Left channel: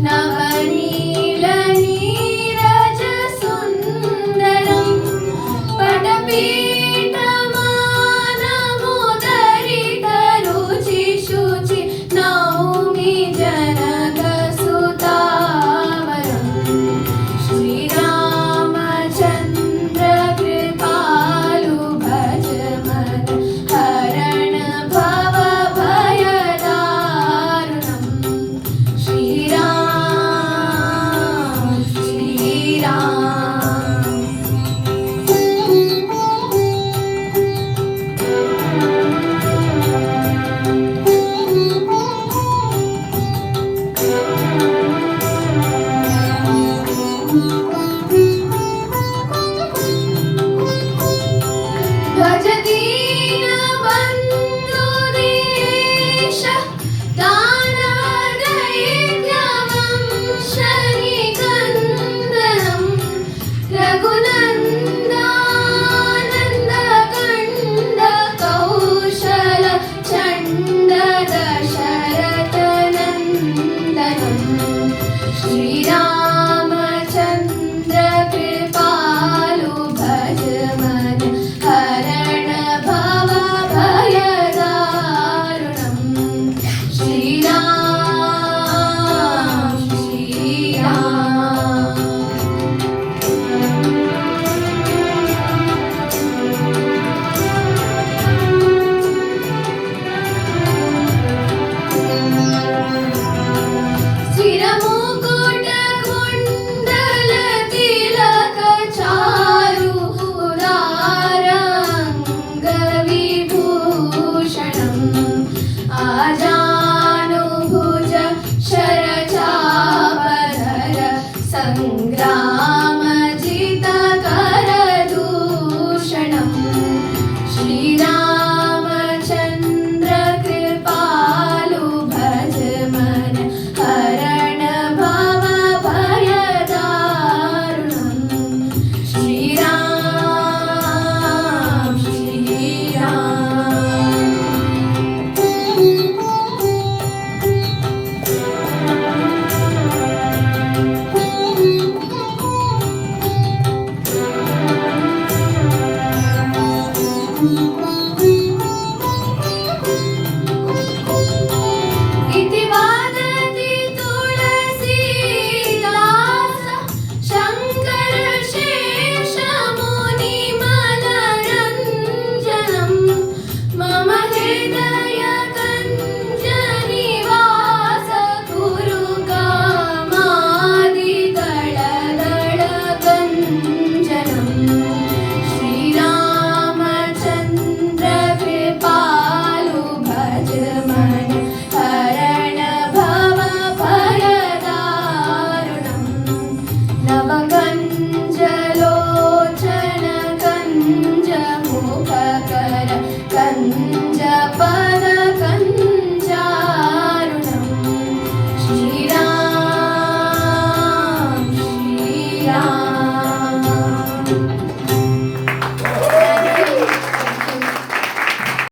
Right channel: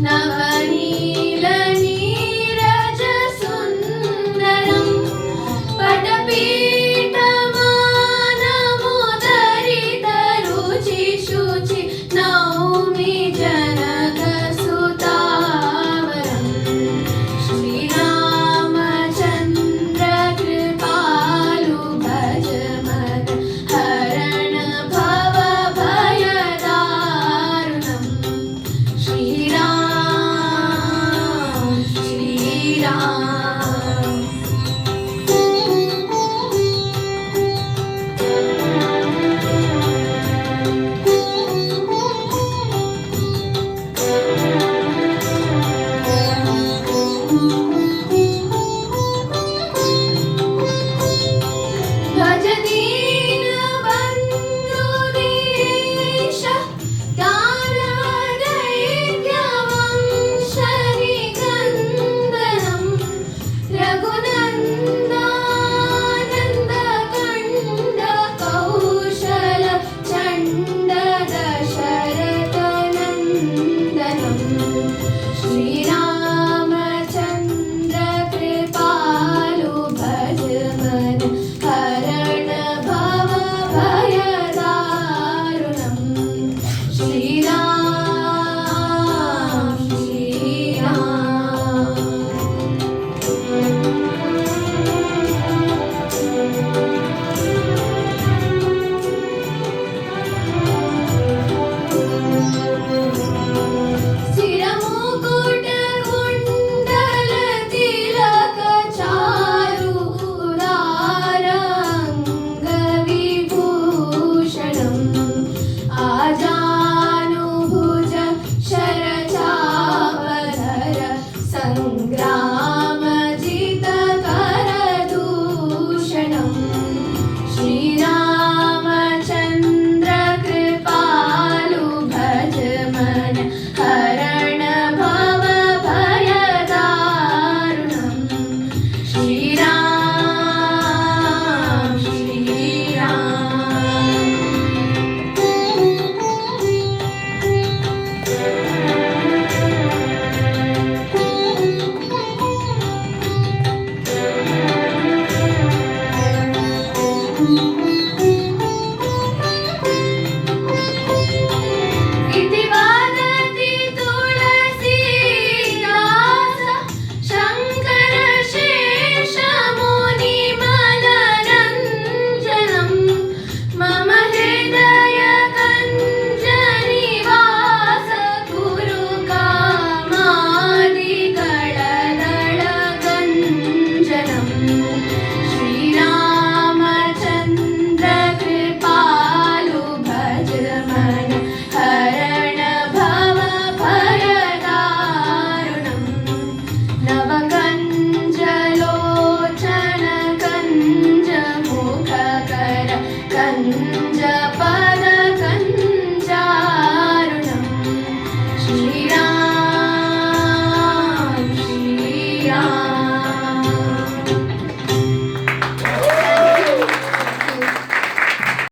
No.